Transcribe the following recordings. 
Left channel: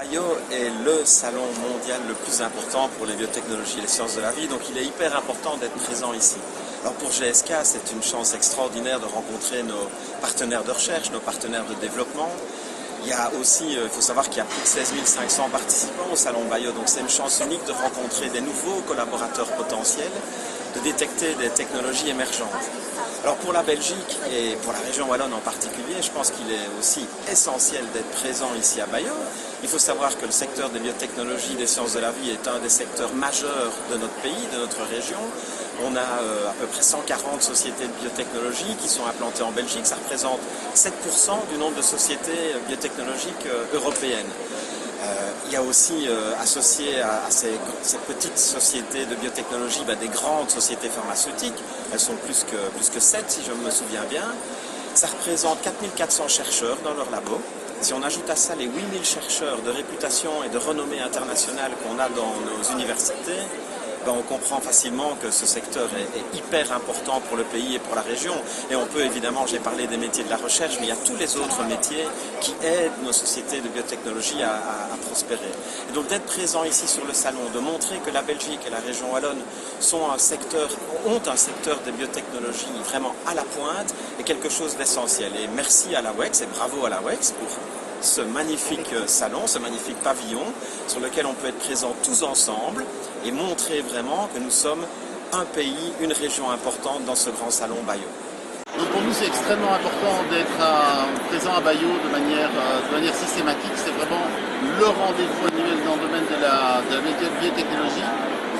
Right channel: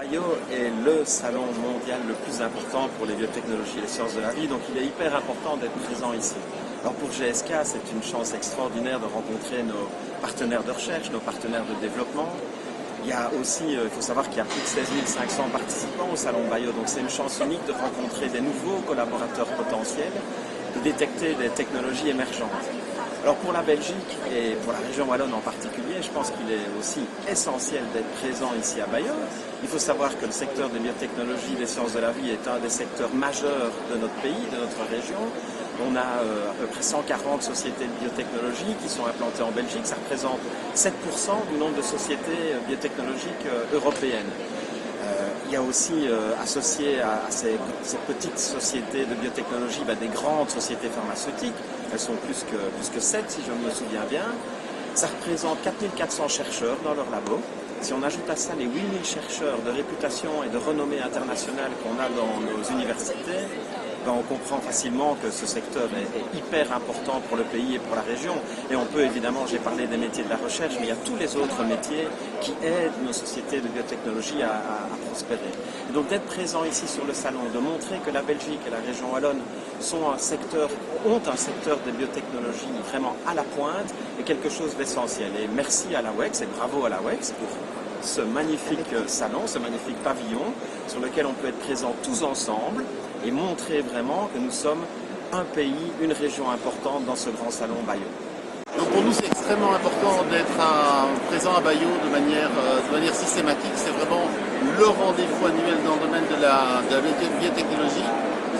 Bayeux est le salon mondial le plus important pour les biotechnologies et les sciences de la vie, donc il est hyper important d'être présent ici. Alors pour GSK, c'est une chance extraordinaire de rencontrer nos partenaires de recherche, nos partenaires de développement. Il y a aussi, il faut savoir qu'il y a plus de 16 500 participants au salon Bayeux, donc c'est une chance unique de rencontrer des nouveaux collaborateurs potentiels, de détecter des technologies émergentes. Alors pour la Belgique et pour la région wallonne en particulier, je pense qu'il est aussi essentiel d'être présent ici à Bayeux. Il faut savoir que le secteur des biotechnologies, des sciences de la vie est un des secteurs majeurs de notre pays, de notre région. On a à peu près 140 sociétés de biotechnologie qui sont implantées en Belgique. Ça représente 7% du nombre de sociétés biotechnologiques européennes. Il y a aussi associé à ces petites sociétés de biotechnologie des grandes sociétés pharmaceutiques. Elles sont plus que 7 si je me souviens bien. Ça représente 4400 chercheurs dans leur labo. Si on ajoute à ça les 8000 chercheurs de réputation et de renommée internationale qu'on a dans nos universités, on comprend facilement que ce secteur est hyper important pour le pays et pour la région. Et on peut évidemment, j'ai parlé des métiers de la recherche, mais il y a tous les autres métiers qui aident nos sociétés de biotechnologie à prospérer. Et donc d'être présent ici sur le salon, de montrer que la Belgique et la région wallonne ont un secteur des biotechnologies vraiment à la pointe est quelque chose d'essentiel. Et merci à la WEX et bravo à la WEX pour ce magnifique salon, ce magnifique pavillon sur lequel on peut être présent tous ensemble et montrer vraiment que nous sommes un pays, une région importante dans ce grand salon Bayeux. Donc pour nous c'est extrêmement important d'être présent à Bayeux de manière systématique. C'est vraiment le rendez-vous annuel dans le domaine de la biotechnologie.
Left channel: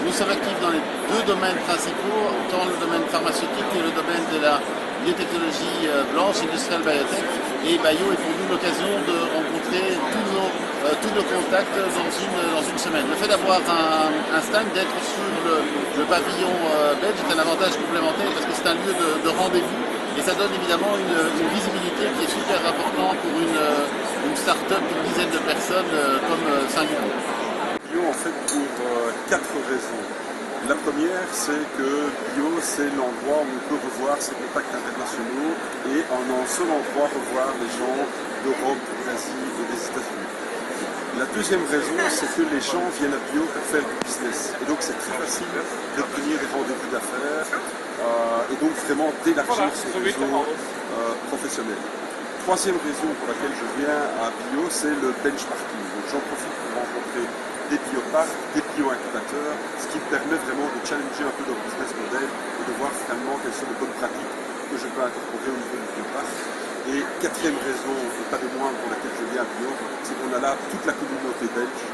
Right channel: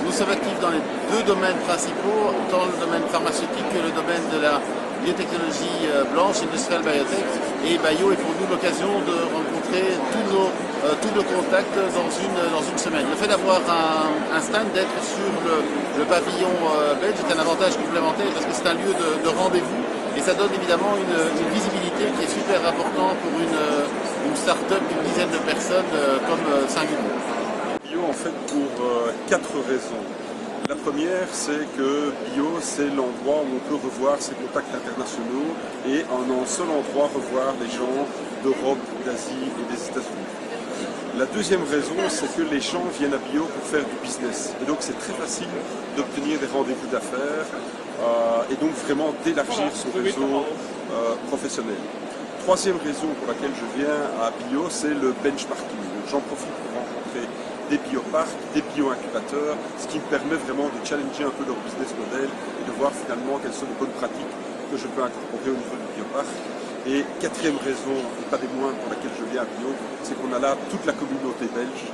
Nous sommes actifs dans les deux domaines principaux, tant le domaine pharmaceutique que le domaine de la biotechnologie blanche, industrielle biotech. Et Bayeux est pour nous l'occasion de rencontrer tous nos contacts dans une semaine. Le fait d'avoir un stand, d'être sur le pavillon belge est un avantage complémentaire parce que c'est un lieu de rendez-vous et ça donne évidemment une visibilité qui est super importante pour une start-up d'une dizaine de personnes comme Singulier. Bayeux en fait pour 4 raisons. La première, c'est que Bayeux, c'est l'endroit où on peut revoir ses contacts internationaux et en un seul endroit revoir les gens d'Europe, d'Asie et des États-Unis. La deuxième raison, c'est que les gens viennent à Bayeux pour faire du business. Et donc c'est très facile d'obtenir des rendez-vous d'affaires et donc vraiment d'élargir son réseau professionnel. Troisième raison pour laquelle je viens à Bayeux, c'est le benchmarking. Donc j'en profite pour rencontrer des bioparcs, des bio-incubateurs, ce qui me permet vraiment de challenger un peu leur business model et de voir finalement quelles sont les bonnes pratiques que je peux incorporer au niveau du bioparc. Et quatrième raison, et pas des moindres pour laquelle je viens à Bayeux, c'est qu'on a là toute la communauté belge.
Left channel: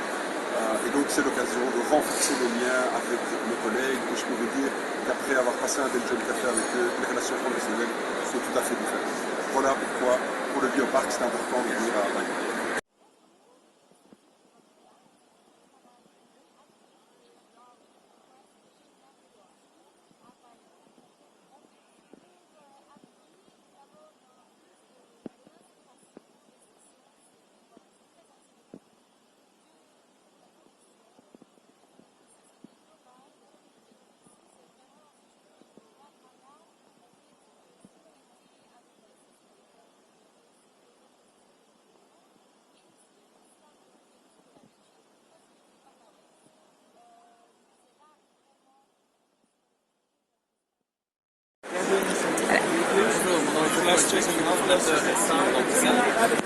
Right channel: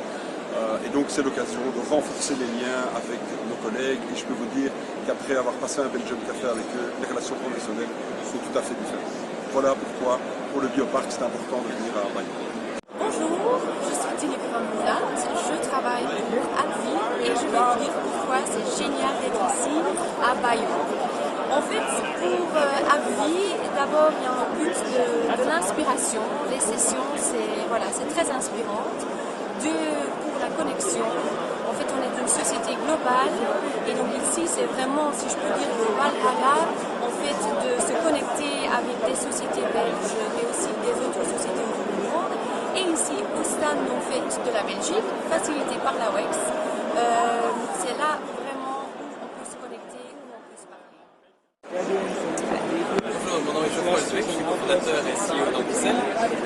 Et donc c'est l'occasion de renforcer les liens avec mes collègues. Et je peux vous dire qu'après avoir passé un Belgium Café avec eux, les relations professionnelles sont tout à fait différentes. Voilà pourquoi, pour le bioparc, c'est important de venir à Bayeux. Bonjour, je suis Tineke van Moulin, je travaille pour AbbVie et je vais vous dire pourquoi c'est génial d'être ici à Bayeux. En fait, pour AbbVie, d'abord il y a un but de l'inspiration. Les sessions, c'est très inspirant. Pour la connexion, en fait on est une société globale et donc ici c'est vraiment, si je peux dire, le Valhalla, en fait de se connecter avec des sociétés belges mais aussi des autres sociétés au niveau du monde. Et ici au stand en fait de la Belgique, facilité par la WEX, c'est là vraiment où on peut se connecter, où on peut se parler. Bonjour, mon nom est Thomas, je suis fondateur et CEO d'Amplisa.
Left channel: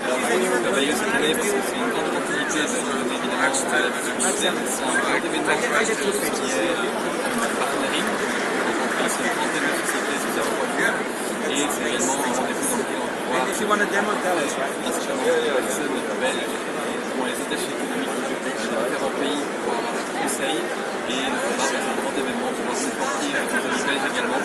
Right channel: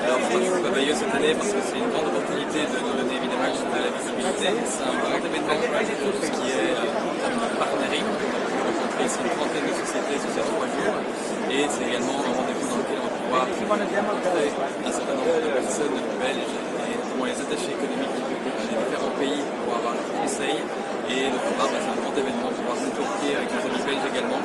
Alors pour nous, Bayeux cette année, parce que c'est une grande opportunité de donner évidemment à l'événement externe. C'est un grand événement qui est partenariat. On rencontre ici une trentaine de sociétés sous différents points de vue. Et c'est également un rendez-vous dans lequel on pourra rencontrer un certain nombre de personnes belges et dont les attachés économiques de différents pays pour avoir des conseils. Et le programme est un grand événement pour pouvoir se sortir avec les amis belges également.